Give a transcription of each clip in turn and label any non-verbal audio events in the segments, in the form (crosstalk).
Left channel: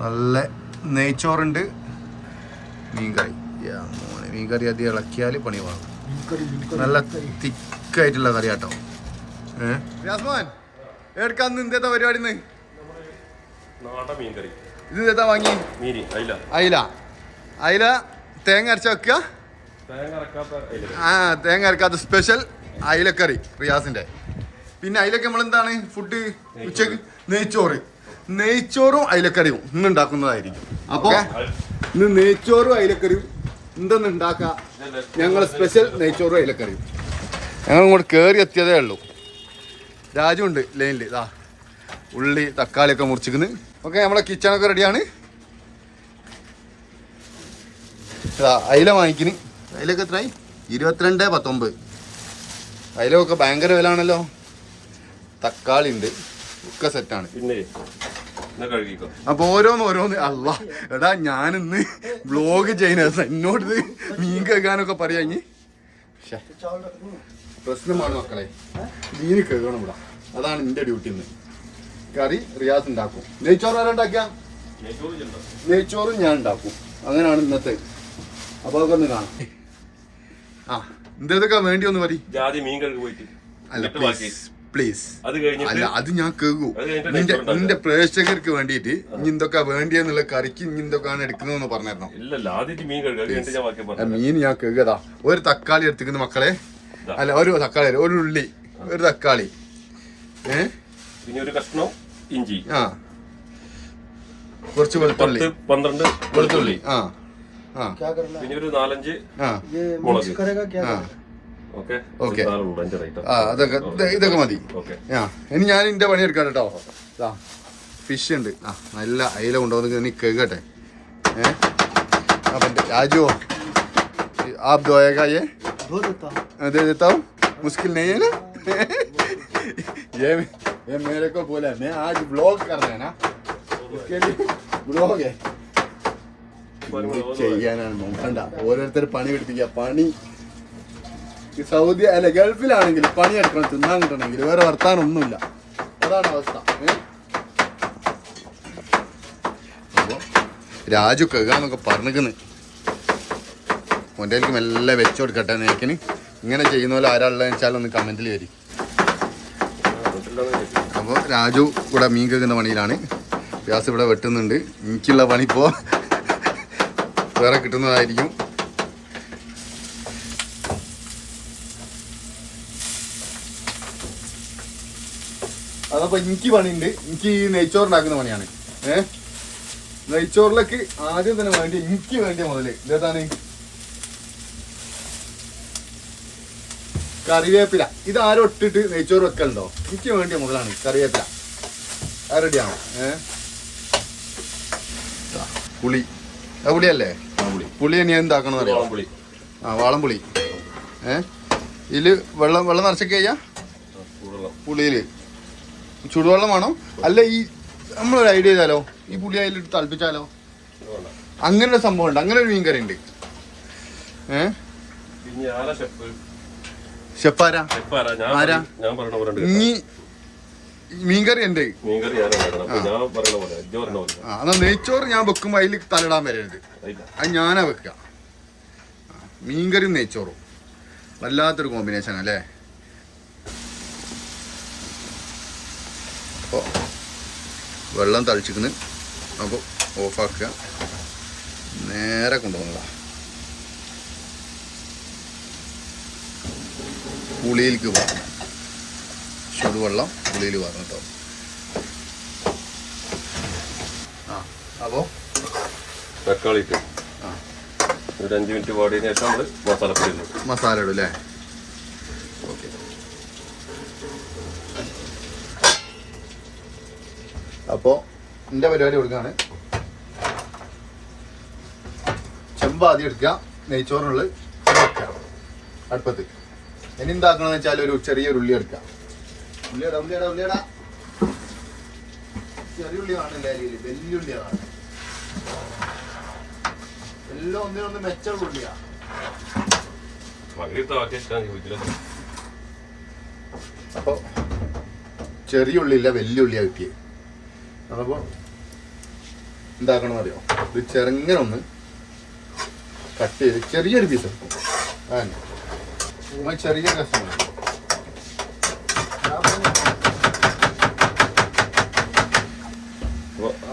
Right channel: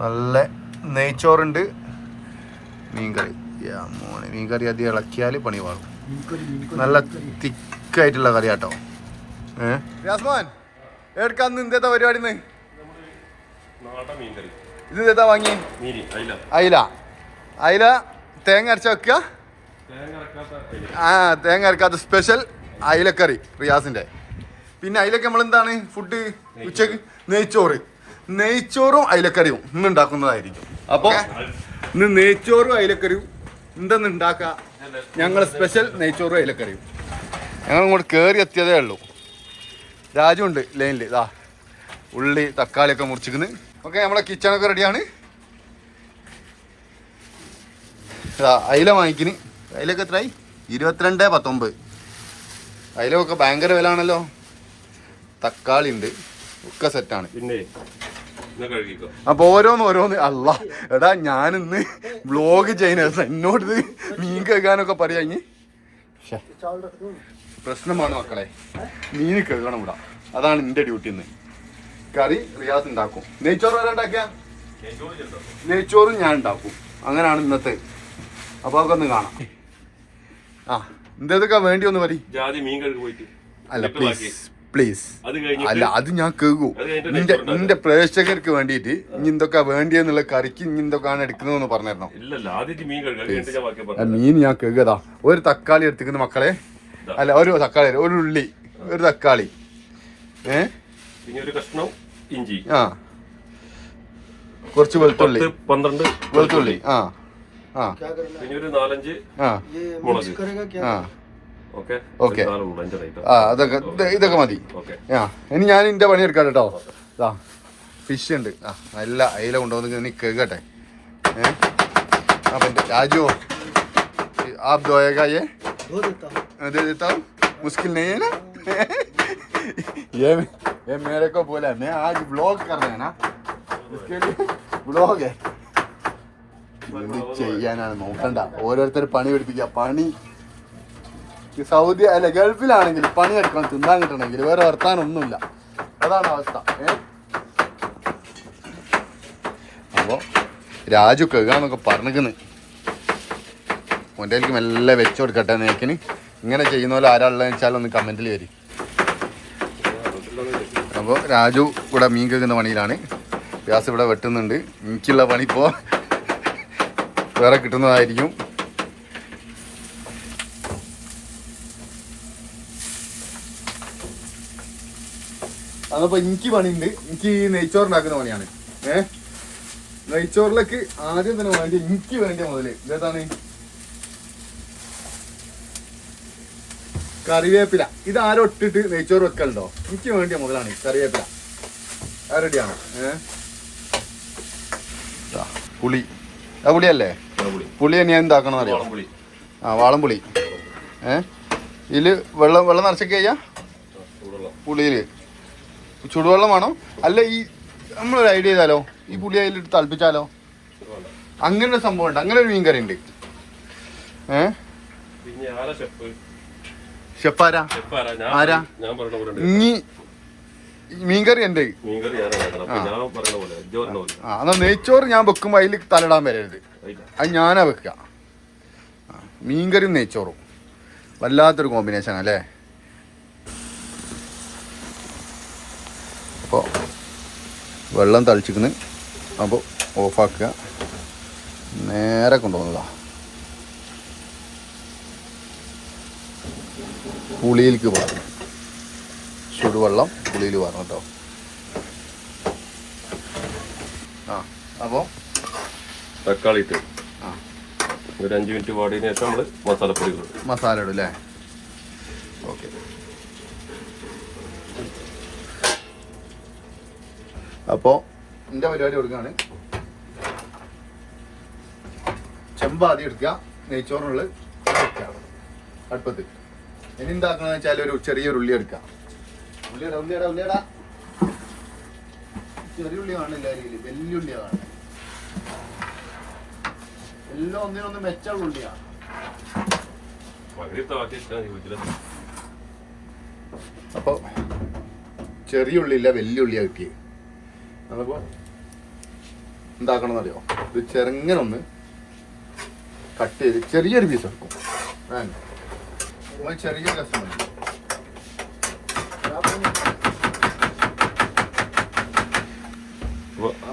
നല്ല നെയ്ച്ചോറുണ്ട്. മീൻകറി. മോനെ മീൻകറി അധികം ഇളക്കിയാൽ പണി വേണം. നല്ല തിക്കായിട്ടുള്ള കറി കേട്ടോ ഏഹ് യാസ്മാൻ എടുക്കാന്ന് ഇന്നത്തെ പരിപാടി ഇത് എന്താ വാങ്ങി? അയില. അയില. തേങ്ങ അരച്ച വെക്കുക ആ തേങ്ങ അരക്കാത്ത സ്പെഷ്യൽ അയിലക്കറി റിയാസിന്റെ. പിന്നെ അയിലൊക്കെ നമ്മൾ എന്താണ് ഫുഡ് ഉച്ചയ്ക്ക് നെയ്ച്ചോറ്. നെയ്ച്ചോറും അയിലക്കറിയും ഇന്ന് ഉണ്ടാക്കുന്നതായിരിക്കും. അപ്പൊ ഇന്ന് നെയ്ച്ചോറും അയിലക്കറിയും എന്തെന്ന് ഉണ്ടാക്കുക ഞങ്ങൾ സ്പെഷ്യൽ നെയ്ച്ചോറും അയിലക്കറിയും. ഞങ്ങൾ ഇങ്ങോട്ട് കയറി എത്തിയതേ ഉള്ളൂ. രാജുണ്ട് ലൈനിൽ ഇതാ ഉള്ളി തക്കാളിയൊക്കെ മുറിച്ചിരിക്കുന്നു. ഓക്കെ നമ്മളെ കിച്ചണൊക്കെ റെഡിയാണ് ഇതാ അയില വാങ്ങിക്കിന്. അയിലൊക്കെ എത്രയായി ഇരുപത്തിരണ്ട് പത്തൊമ്പത്. അയിലൊക്കെ ഭയങ്കര വില ആണല്ലോ തക്കാളി ഉണ്ട്. ഒക്കെ സെറ്റാണ് പിന്നെ അപ്പൊ ഓരോന്ന് ഓരോന്ന്. അല്ല എടാ ഞാനിന്ന് വ്ലോഗ് ചെയ്യുന്ന എന്നോട് ഇത് മീൻ കേൾക്കാനൊക്കെ പറയാ ഇനി. പ്രശ്നമാണ് മക്കളെ. മീൻ കേൾക്കണം ഇവിടെ. അതാണ് എന്റെ ഡ്യൂട്ടി ഇന്ന്. കറി റിയാസ് ഉണ്ടാക്കും. നെയ്ച്ചോറ് വരെ ഉണ്ടാക്കിയ? നെയ്ച്ചോറും ഞാൻ ഉണ്ടാക്കും. അങ്ങനെയാണ് ഇന്നത്തെ. അപ്പൊ അതൊക്കെ ഒന്ന് കാണാം. ആ എന്തൊക്കെ വേണ്ടി ഒന്ന് പറയും? അല്ല. പ്ലീസ് പ്ലീസ് അത് അല്ല അത് ഞാൻ കേൾക്കൂ. നിന്റെ നിന്റെ പ്രേക്ഷകർക്ക് വേണ്ടിയിട്ട് ഇനി എന്തൊക്കെ വേണ്ടിയെന്നുള്ള കറിക്ക് ഇനി എന്തൊക്കെയാണ് എടുക്കുന്നതെന്ന് പറഞ്ഞിരുന്നോ. മീൻ ഞാൻ ബാക്കി പറഞ്ഞു മീൻ ഞാൻ കേൾക്കതാ. ഒരു തക്കാളി എടുത്തിക്കുന്ന മക്കളെ. അല്ല ഒരു തക്കാളി ഒരു ഉള്ളി ഒരു തക്കാളി. ഏ? പിന്നെ ഒരു കഷ്ണം ഇഞ്ചി. ആ. കുറച്ച് വെളുത്തുള്ളി. പന്ത്രണ്ട് വെളുത്തുള്ളി ആ. ആ. പിന്നെ ഒരു നാലഞ്ച് ആ. മുളക്. ആ. Okay Okay. അഞ്ചെണ്ണ ആ അതൊക്കെ ഇത് ഇതൊക്കെ മതി ഓക്കെ ആ ഇനി ഞാൻ എന്റെ പണി എടുക്കാം കേട്ടോ ആ ഫിഷ് ഉണ്ട് ആ നല്ല അയില കൊണ്ടുവന്ന് നീ കേൾക്കട്ടെ ഏ അപ്പം എൻ്റെ രാജു आप धोएगा ये दे देता हूँ मुश्किल नहीं है ना ये ये मेरे को बोला मैं आज ब्लॉग कर रहे हैं ना उसके लिए ब्लॉग है എന്ത് ചെയ്യാനാണ് നോക്കണ്ട ഓരോരുത്തർ പണി പഠിപ്പിക്കുക പണി ഈ സൗദി അല്ല ഗൾഫിലാണെങ്കിൽ പണിയെടുക്കണം തിന്നാൻ കിട്ടണമെങ്കിൽ വേറെ വർത്താനൊന്നുമില്ല. അതാണ് അവസ്ഥ ഏഹ് അപ്പോ രാജു കഴുകാന്നൊക്കെ പറഞ്ഞിരിക്കുന്നു ഒന്റെ മെല്ലെ വെച്ചു കൊടുക്കട്ടെ നേക്കിന് ഇങ്ങനെ ചെയ്യുന്ന പോലെ ആരാളുള്ളതെന്ന് വെച്ചാൽ ഒന്ന് കമന്റിൽ വരും. അപ്പോൾ രാജു ഇവിടെ മീൻ കേൾക്കുന്ന പണിയിലാണ്. വ്യാസ് ഇവിടെ വെട്ടുന്നുണ്ട്. എനിക്കുള്ള പണി ഇപ്പോൾ വേറെ കിട്ടുന്നതായിരിക്കും. അതപ്പോ എനിക്ക് പണിയുണ്ട്. എനിക്ക് ഈ നെയ്ച്ചോറുണ്ടാക്കുന്ന പണിയാണ്. ഏഹ് നെയ്ച്ചോറിലേക്ക് ആദ്യം തന്നെ വേണ്ടി എനിക്ക് വേണ്ടിയ മുതൽ. ഇതേതാണ് കറിവേപ്പില. ഇത് ആരും ഇട്ടിട്ട് നെയ്ച്ചോറ് വെക്കലുണ്ടോ? എനിക്ക് വേണ്ടിയ മുതലാണ് കറിവേപ്പില. അത് റെഡിയാണോ ഏഹ് പുളി. ആ പുളിയല്ലേ? പുളി ഞാൻ എന്താക്കണം അറിയാം? ആ വാളംപുളി. ഏഹ് ഇതിൽ വെള്ളം വെള്ളം നിറച്ചൊക്കെ ചെയ്യാ? ചൂടുവെള്ളം വേണം. അല്ല ഈ നമ്മൾ ഐഡിയ ചെയ്താലോ? ഈ പുളി അതിലിട്ട് തളിപ്പിച്ചാലോ? അങ്ങനെ ഒരു സംഭവം ഉണ്ട് അങ്ങനെ ഒരു മീൻ കറി ഉണ്ട് ഏ ആരാ ഉണ്ട്. മീൻകറി എന്റെ എന്നാ നെയ്ച്ചോറ് ഞാൻ വെക്കുമ്പോ അതിൽ തലടാൻ വരരുത്. അത് ഞാനാ വെക്കുക ആ, മീൻകറിയും നെയ്ച്ചോറും. വല്ലാത്തൊരു കോമ്പിനേഷൻ അല്ലേ അപ്പോൾ വെള്ളം തളിച്ചിരിക്കുന്നു. അപ്പോൾ ഓഫാക്കുക. നേരെ കൊണ്ടുപോകുന്നതാ. പുളിയിലേക്ക് പറഞ്ഞു ചുടുവെള്ളം പുളിയിൽ പറഞ്ഞു കേട്ടോ. ആ അപ്പോൾ തക്കാളി ഇട്ട് ആ. ഒരു അഞ്ച് മിനിറ്റ് പാടിയതിനു ശേഷം നമ്മൾ മസാല ഇടും. മസാല ഇടും അല്ലേ? ഓക്കെ. അപ്പോൾ എന്റെ പരിപാടി കൊടുക്കുകയാണ് ചെമ്പ് ആദ്യം എടുക്കുക. നെയ്ച്ചോറിനുള്ളിൽ വെക്കുക. അടുപ്പത്ത്. ഇനി എന്താക്കണമെന്ന് വെച്ചാൽ ഒരു ചെറിയൊരു ഉള്ളി എടുക്കുക. ഉള്ളിയടാ ഉള്ളിയടാ ഉള്ളിയടാ. ചെറിയ ഉള്ളി കാണില്ല വലിയ ഉള്ളിയാണ് എല്ലാം ഒന്നിനൊന്ന് മെച്ചുള്ള ഉള്ളിയാണ് അപ്പോൾ ചെറിയ ഉള്ളിയില്ല വലിയ ഉള്ളിയാണ് കിട്ടിയത്. അതപ്പോൾ എന്താക്കണം എന്നറിയോ ഇത് ചെറുങ്ങനെ ഒന്ന് കട്ട് ചെയ്ത് ചെറിയൊരു പീസ് എടുക്കും. നമ്മൾ ചെറിയൊരു കഷ്ണം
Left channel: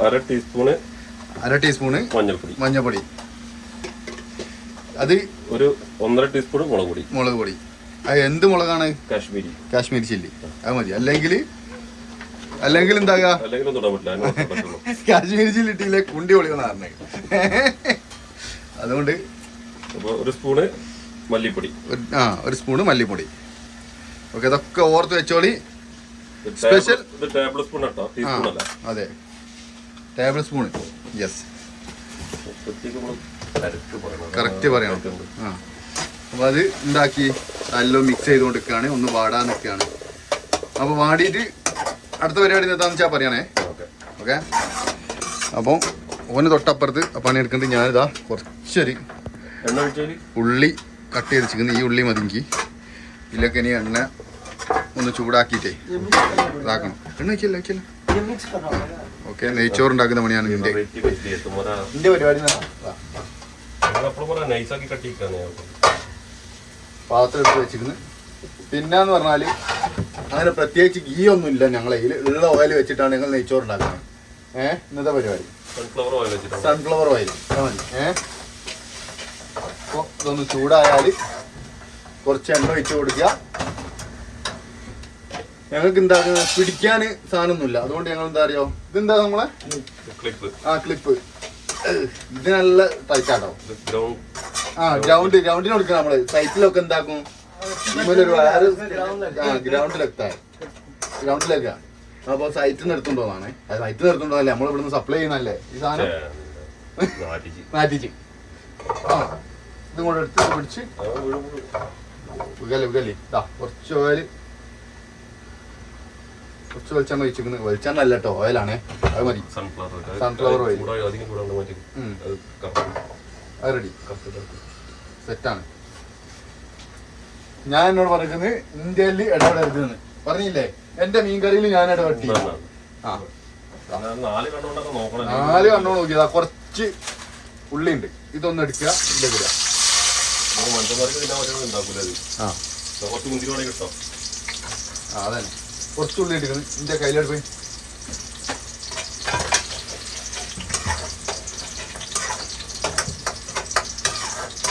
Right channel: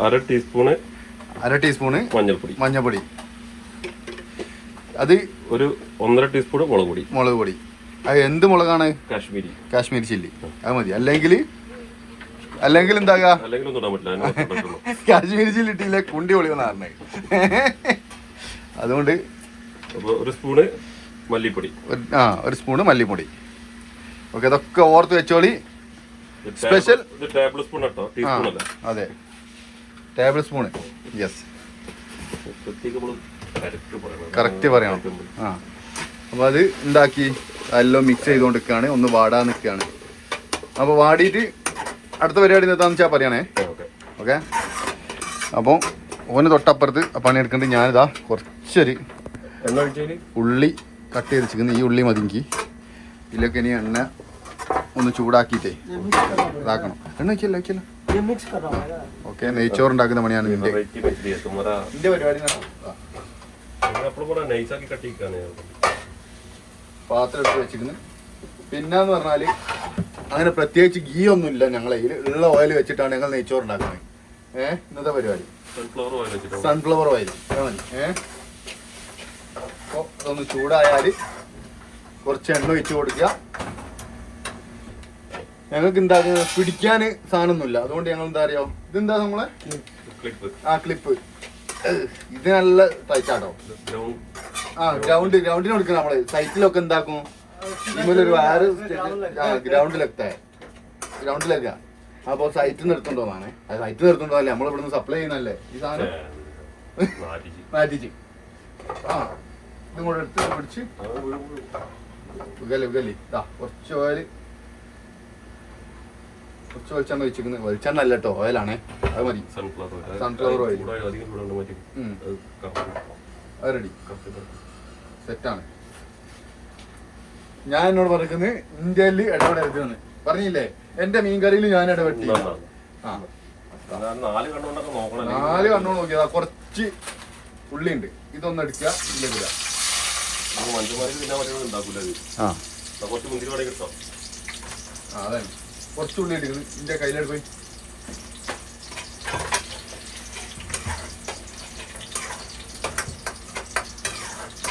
അര ടീസ്പൂണ് അര ടീസ്പൂണ് മഞ്ഞൾപ്പൊടി. മഞ്ഞൾപ്പൊടി. അത് ഒരു ഒന്നര ടീസ്പൂൺ മുളക് പൊടി. മുളക് പൊടി. അത് എന്ത് മുളകാണ്? കാശ്മീരി. കാശ്മീരി ചില്ലി. അത് മതി. അല്ലെങ്കിൽ അല്ലെങ്കിൽ എന്താകാ? (laughs) കാശ്മീരി ചില്ലി ഇട്ടില്ലേ കുണ്ടി പൊളിയെന്ന് പറഞ്ഞേ (laughs) അതുകൊണ്ട് ഒരു സ്പൂണ് മല്ലിപ്പൊടി. ആ ഒരു സ്പൂണ് മല്ലിപ്പൊടി. ഓക്കെ ഇതൊക്കെ ഓർത്ത് വെച്ചോളി. സ്പെഷ്യൽ? ടേബിൾ- സ്പൂൺ അതെ. ടേബിൾ സ്പൂൺ യെസ് പ്രത്യേകം കറക്റ്റ് പറയണം. കറക്റ്റ് പറയണം. ആ. അപ്പോൾ അത് ഉണ്ടാക്കി എല്ലാം മിക്സ് ചെയ്തുകൊണ്ടിരിക്കുകയാണ് ഒന്ന് വാടാൻ നിൽക്കുകയാണ്. അപ്പോൾ വാടിയിട്ട് അടുത്ത പരിപാടി എന്താണെന്ന് വെച്ചാൽ പറയണേ. ഓക്കേ. ഓക്കെ? അപ്പോൾ ഓന് തൊട്ടപ്പുറത്ത് പണിയെടുക്കേണ്ടത് ഞാനിതാ കുറച്ചൊരു ഉള്ളി കട്ട് ചെയ്ത് വെച്ചിരിക്കുന്നു ഈ ഉള്ളി മതിങ്കി. ഇതിലൊക്കെ ഇനി എണ്ണ ഒന്ന് ചൂടാക്കിയിട്ടേ ഇതാക്കണം. എണ്ണ വയ്ക്കല്ല വയ്ക്കല്ല ഓക്കെ നെയ്ച്ചോറ് ഉണ്ടാക്കുന്ന പണിയാണ് നിന്റെ. പരിപാടി പറഞ്ഞാൽ പാത്രം എടുത്ത് വെച്ചിരുന്നു പിന്നെന്ന് പറഞ്ഞാൽ അങ്ങനെ പ്രത്യേകിച്ച് ഗീ ഒന്നും ഇല്ല ഞങ്ങളെ ഉള്ള ഓയിൽ വെച്ചിട്ടാണ് ഞങ്ങൾ നെയ്ച്ചോറ് ഉണ്ടാക്കുന്നത്. ഏഹ് ഇന്നത്തെ പരിപാടി. സൺഫ്ലവർ ഓയിൽ സൺഫ്ലവർ ഓയിൽ മതി. ഏഹ് അപ്പോൾ ഇതൊന്ന് ചൂടായാൽ കുറച്ച് എണ്ണ വെച്ച് കൊടുക്കുക. ഞങ്ങൾക്ക് എന്താ പിടിക്കാൻ സാധനമൊന്നുമില്ല. അതുകൊണ്ട് ഞങ്ങൾ എന്താ അറിയോ? ഇതെന്താ നമ്മളെ? ക്ലിപ്പ് ആ ക്ലിപ്പ് ഇത് നല്ല തയ്ച്ചാട്ടോ ആ ഗ്രൗണ്ട് ഗ്രൗണ്ടിന് കൊടുക്കുക നമ്മൾ. സൈറ്റിലൊക്കെ എന്താക്കും? ഗ്രൗണ്ട് ആ ഗ്രൗണ്ടിലെത്താൻ. ഗ്രൗണ്ടിലേക്കാ. അപ്പൊ സൈറ്റിൽ നിന്ന് എടുത്തുണ്ടോന്നാണ് സൈറ്റിൽ നമ്മൾ ഇവിടുന്ന് സപ്ലൈ ചെയ്യുന്നല്ലേ ഈ സാധനം? നാട്ടിച്ച് മാറ്റിച്ച്. ആ ഇതും കൂടെ എടുത്ത് പിടിച്ച്. ഇതാ കുറച്ച് ഓയിൽ കുറച്ച് വെളിച്ചെണ്ണ ഒഴിച്ചിരിക്കുന്നത് വെളിച്ചെണ്ണ അല്ല കേട്ടോ ഓയിലാണേ അത് മതി. സൺഫ്ലവർ ഓയിൽ അത് റെഡി സെറ്റാണ് ഞാൻ എന്നോട് പറയുന്നത് ഇന്ത്യയിൽ ഇടപെടരുതെന്ന്. പറഞ്ഞില്ലേ? എന്റെ മീൻകറിയിൽ ഞാൻ ഇടപെട്ടി. ആ. നാല് കണ്ണു നോക്കിയതാ. കുറച്ച് ഉള്ളി ഉണ്ട് ഇതൊന്നും എടുക്കുക അതന്നെ. കുറച്ച് ഉള്ളി എടുക്കുന്നു ഇന്റെ കയ്യിലെടുപ്പ്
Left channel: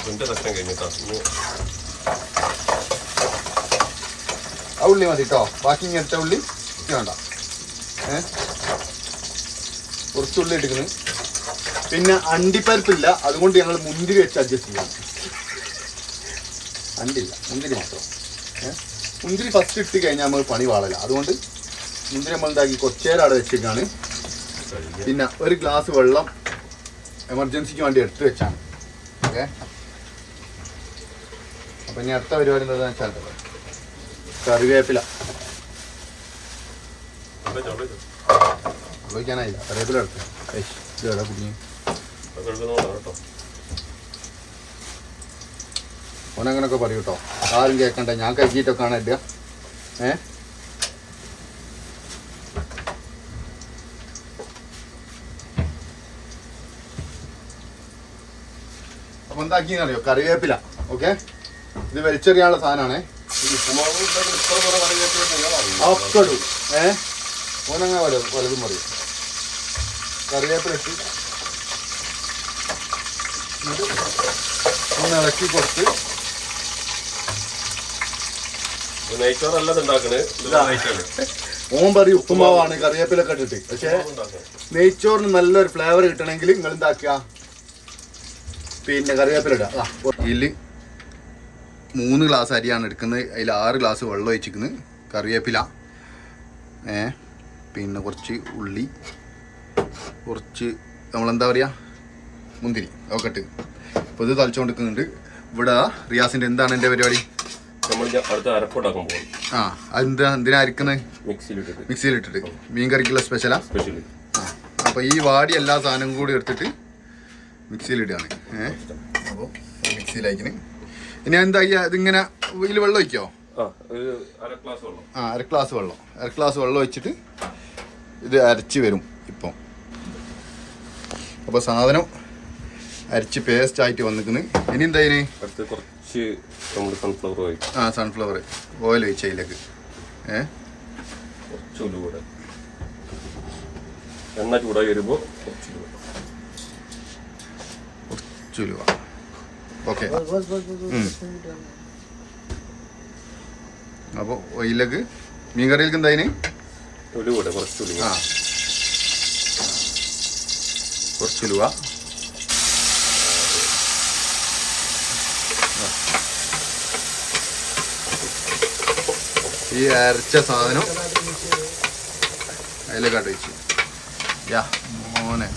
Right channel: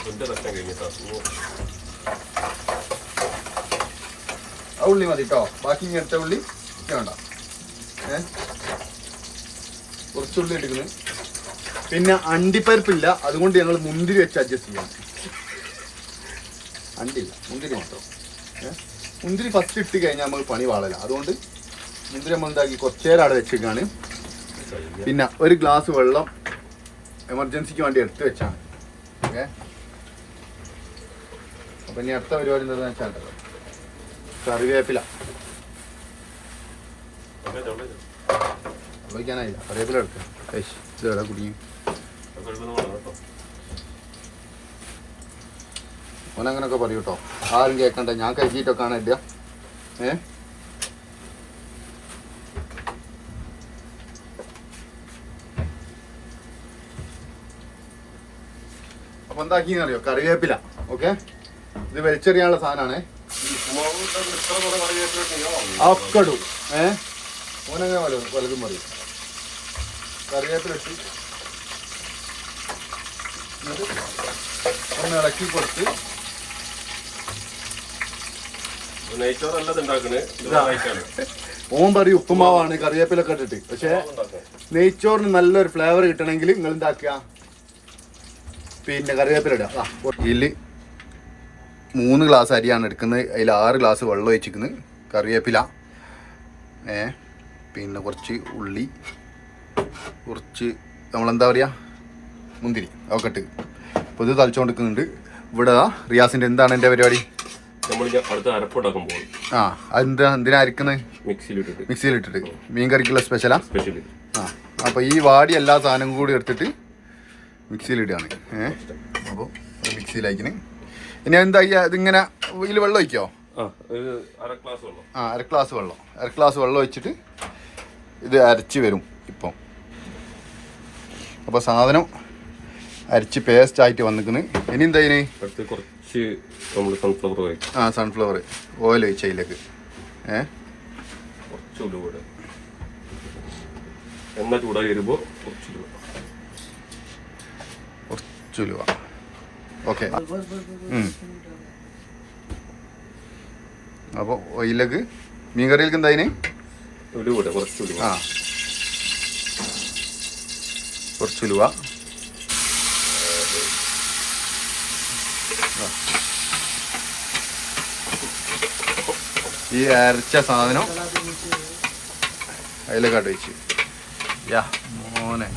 എന്റെ കഷ്ടം കഴിഞ്ഞിട്ടാ ഇനി ആ ഉള്ളി മതി കേട്ടോ ബാക്കി ഇങ്ങനത്തെ ഉള്ളി വേണ്ട. ഏ? കുറച്ച് ഉള്ളി എടുക്കുന്നു പിന്നെ അണ്ടിപ്പരിപ്പില്ല. അതുകൊണ്ട് ഞങ്ങൾ മുന്തിരി വെച്ച് അഡ്ജസ്റ്റ് ചെയ്യാം അണ്ടില്ല മുന്തിരി മാത്രം. മുന്തിരി ഫസ്റ്റ് ഇട്ട് കഴിഞ്ഞാൽ നമുക്ക് പണി വാളല്ല അതുകൊണ്ട് മുന്തിരി നമ്മൾ എന്താക്കി? കുറച്ച് അവിടെ വെച്ചിട്ടാണ് പിന്നെ ഒരു ഗ്ലാസ് വെള്ളം എമർജൻസിക്ക് വേണ്ടി എടുത്ത് വെച്ചാണ്. ഓക്കെ? അപ്പം ഇനി അടുത്ത പരിപാടി എന്താണെന്ന് വെച്ചാൽ കറിവേപ്പില. ഉപയോഗിക്കാനായില്ല കറിവേപ്പില എടുത്ത് കേട്ടോ ഓനങ്ങനൊക്കെ പറയൂ കേട്ടോ ആരും കേൾക്കണ്ട ഞാൻ കഴിച്ചിട്ടൊക്കെ ആണ് ഇല്ല ഏ? അപ്പൊ എന്താക്കിയെന്നറിയോ? കറിവേപ്പില. ഓക്കെ? ഇത് വലിച്ചെറിയാനുള്ള സാധനമാണ്. ഒക്കെ ഇടും ഏ? ഓനങ്ങനെ പല പറയും കറിവേപ്പില ഇട്ട് ഒന്ന് ഇളക്കി കൊടുത്ത്. ഓൻ പറയും ഉപ്പുമാവാണ് കറിവേപ്പിലൊക്കെ ഇട്ടിട്ട്. പക്ഷേ നെയ്ച്ചോറിന് നല്ലൊരു ഫ്ലേവർ കിട്ടണമെങ്കിൽ നിങ്ങൾ എന്താക്കുക പിന്നെ കറിവേപ്പില ഇടുക. ഇതിൽ മൂന്ന് ഗ്ലാസ് അരിയാണ് എടുക്കുന്നത്. അതിൽ ആറ് ഗ്ലാസ് വെള്ളം ഒഴിച്ചിരിക്കുന്നത് കറിവേപ്പില. ഏ പിന്നെ കുറച്ച് ഉള്ളി. കുറച്ച് നമ്മളെന്താ പറയുക മുന്തിരി. അതൊക്കെ ഇട്ട്. ഇപ്പോൾ ഇത് തളിച്ചുകൊണ്ടിരിക്കുന്നുണ്ട് ഇവിടെ റിയാസിന്റെ എന്താണ് എന്റെ പരിപാടി? ആ അതെന്താ? എന്തിനാ അരിക്കുന്നത്? മിക്സിയിലിട്ടിട്ട്. മീൻ കറിക്കുള്ള സ്പെഷ്യലാ സ്പെഷ്യലി ആ? അപ്പോൾ ഈ വാടി എല്ലാ സാധനവും കൂടി എടുത്തിട്ട് മിക്സിയിലിടുകയാണ്. ഏ അപ്പോൾ മിക്സിയിലാക്കിന്. ഇനി എന്താ ഇതിങ്ങനെ ഇതിൽ വെള്ളം ഒഴിക്കോ? ആ അര ഗ്ലാസ് വെള്ളം. അര ഗ്ലാസ് വെള്ളം. ഒഴിച്ചിട്ട് ഇത് അരച്ച് വരും ഇപ്പം. അപ്പോൾ സാധനം അരച്ച് പേസ്റ്റ് ആയിട്ട് വന്നിക്കുന്നു ഇനി എന്താ ഇനി? കുറച്ച് നമ്മൾ സൺഫ്ലവർ ഓയിൽ ആ സൺഫ്ലവർ ഓയിൽ ഒഴിച്ച അതിലേക്ക്. ഏ? കുറച്ച് ഉലുവ കൂടെ എണ്ണ ചൂടായി വരുമ്പോൾ കുറച്ച് കുറച്ച് ഉലുവ. ഓക്കെ അപ്പോൾ ഓയിലേക്ക് മീൻ കറിയിലേക്ക് എന്താ ഉലുവ. ആ. കുറച്ച് ഉലുവ. ഈ അരച്ച സാധനം അതിലേക്കാട്ട് വെച്ച് യാ മോനെ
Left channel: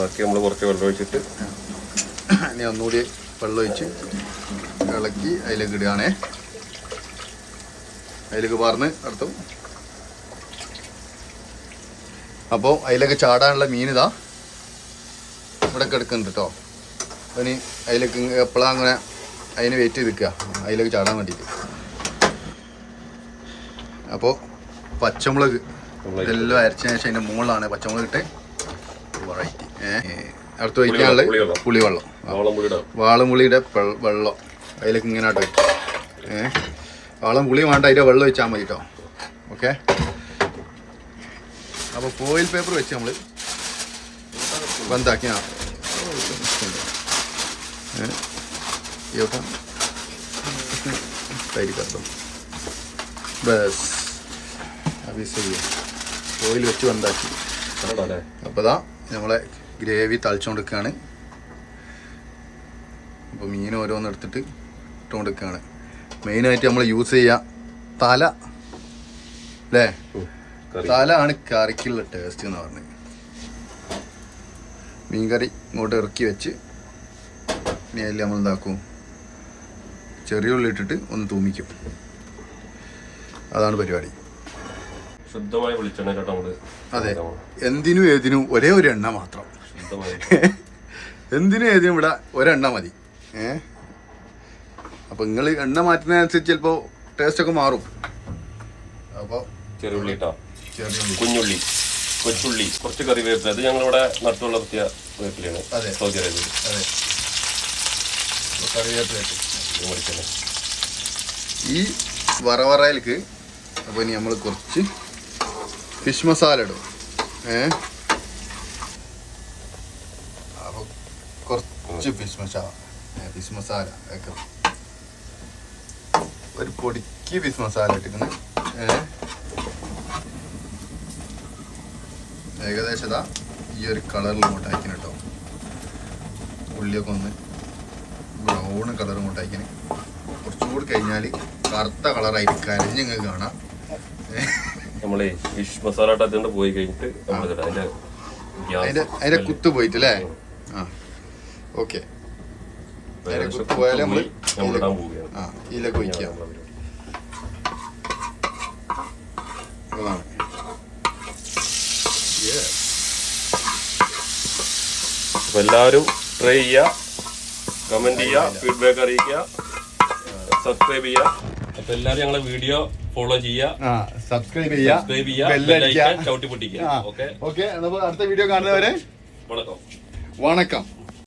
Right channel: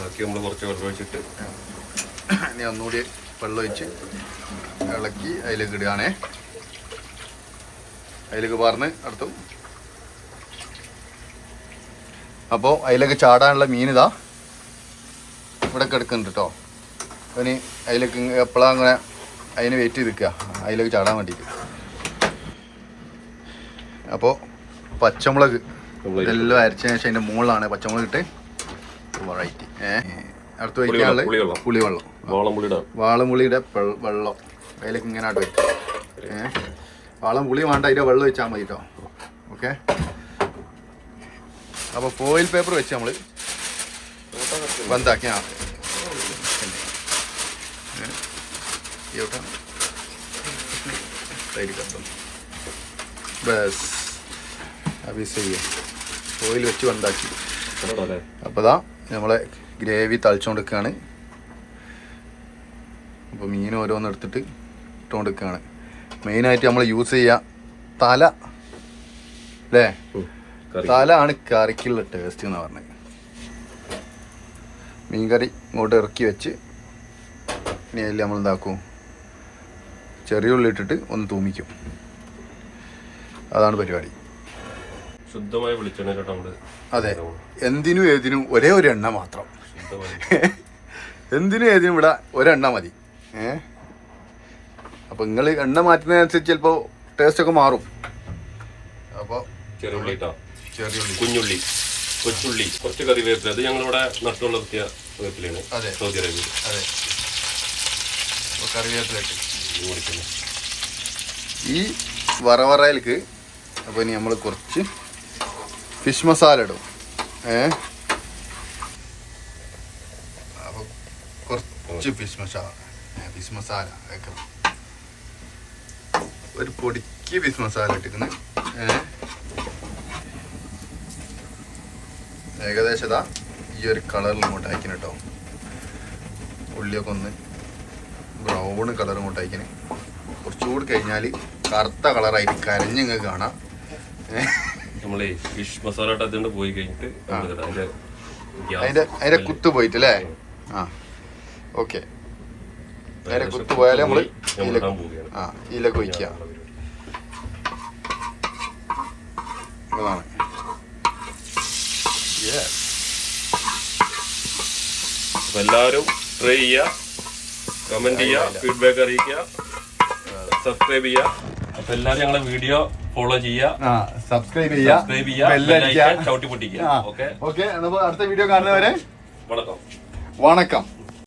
ബാക്കി നമ്മൾ കുറച്ച് വെള്ളം ഒഴിച്ചിട്ട് ഇനി ഒന്നുകൂടി വെള്ളം ഒഴിച്ച് ഇളക്കി അതിലേക്ക് ഇടുകയാണേ. അതിലേക്ക് പറഞ്ഞ് അടുത്തും അപ്പോൾ അതിലേക്ക് ചാടാനുള്ള മീൻ ഇതാ ഇവിടെ കിടക്കുന്നുണ്ട് കേട്ടോ ഇനി അതിലേക്ക് എപ്പോഴാണ് അങ്ങനെ അതിന് വെയിറ്റ് ചെയ്ത് നിൽക്കുക അതിലേക്ക് ചാടാൻ വേണ്ടിയിട്ട്. അപ്പോൾ പച്ചമുളക് ഇതെല്ലാം അരച്ചതിന് ശേഷം അതിന്റെ മുകളിലാണ് പച്ചമുളക് ഇട്ട് വെറൈറ്റി ഏഹ് അടുത്ത് വയ്ക്കാനുള്ള പുളിവെള്ളം. വാളമുളിയുടെ. വാളംപുളിയുടെ വെള്ളം. അതിലേക്ക് ഇങ്ങനെ ആട്ട് വയ്ക്കും ഏഹ് വാളം പുളി വേണ്ട അതിന്റെ വെള്ളം വെച്ചാൽ മതി കേട്ടോ ഓക്കെ? അപ്പോൾ ഫോയിൽ പേപ്പർ വെച്ച് നമ്മൾ ബന്ധാക്കി ആ. എവിടെ തൈര് കത്തും. ബസ്. അഭി സഹി ഫോയിൽ വെച്ച് ബന്ധാക്കി. അപ്പോൾ ദാ നമ്മളെ ഗ്രേവി തളിച്ചുകൊണ്ടിരിക്കുകയാണ് അപ്പോൾ മീൻ ഓരോന്ന് എടുത്തിട്ട് ഇട്ടുകൊണ്ടിരിക്കുകയാണ് മെയിനായിട്ട് നമ്മൾ യൂസ് ചെയ്യുക തല. അല്ലേ. തല ആണ് കറിക്കുള്ള ടേസ്റ്റ് എന്ന് പറഞ്ഞത് മീൻകറി ഇങ്ങോട്ട് ഇറക്കി വെച്ച് ഇനി അതിൽ നമ്മൾ എന്താക്കും? ചെറിയ ഉള്ളി ഇട്ടിട്ട് ഒന്ന് തൂമിക്കും. അതാണ് പരിപാടി. ശുദ്ധമായ വെളിച്ചെണ്ണയിലോട്ട് നമ്മൾ. അതെ. എന്തിനും ഏതിനും ഒരേ ഒരു എണ്ണ മാത്രം. (laughs) എന്തിനും ഏതിനും ഇവിടെ ഒരെണ്ണ മതി. ഏ? അപ്പൊ നിങ്ങൾ എണ്ണ മാറ്റുന്നതിനനുസരിച്ച് ചിലപ്പോ ടേസ്റ്റ് ഒക്കെ മാറും. അപ്പൊ ചെറുള്ളി. കുഞ്ഞുള്ളി. കൊച്ചുള്ളി. കുറച്ച് കറിവേപ്പില. അത് ഞങ്ങളിവിടെ നട്ടു വളർത്തിയ വേപ്പിലാണ് അതെ. സൗദി അതെ. ഈ വറവറയിലേക്ക് അപ്പൊ ഇനി നമ്മൾ കുറച്ച് ഫിഷ് മസാല ഇടും. ഏ? അപ്പൊ കുറച്ച് ഫിഷ് മസാല. ഫിഷ് മസാല ഒക്കെ ഒരു പൊടിക്ക് ഫിഷ് മസാല ഇട്ടിരിക്കുന്നു. ഏ? ഏകദേശം ഈ ഒരു കളറിൽ ഇങ്ങോട്ട് അയക്കണം കേട്ടോ ഉള്ളിയൊക്കെ ഒന്ന് ബ്രൗൺ കളർ ഇങ്ങോട്ട് അയക്കണേ. കുറച്ചുകൂടി കഴിഞ്ഞാൽ കറുത്ത കളറായിട്ട് കരഞ്ഞിങ്ങ് കാണാം? നമ്മളെ ഫിഷ് മസാല ഇട്ട് പോയി കഴിഞ്ഞിട്ട്. അതിന്റെ അതിന്റെ അതിന്റെ കുത്ത് പോയിട്ട് അല്ലേ ആ. ഓക്കെ. നേരെ കുത്ത് പോയാലേ നമ്മൾ ആ ഇതിലേക്ക് ഒഴിക്കുക. എല്ലാവരും ട്രൈ ചെയ്യുക കമന്റ് ചെയ്യുക ഫീഡ്ബാക്ക് അറിയിക്കുക സബ്സ്ക്രൈബ് ചെയ്യുക. അപ്പൊ എല്ലാവരും ഞങ്ങളെ വീഡിയോ ഫോളോ ചെയ്യുക. സബ്സ്ക്രൈബ് ചെയ്യുക. സബ്സ്ക്രൈബ് ചെയ്യുക. ചവിട്ടി പൊട്ടിക്കുക. ഓക്കെ ഓക്കെ അടുത്ത വീഡിയോ കാണുന്നവരെ വണക്കം. വണക്കം.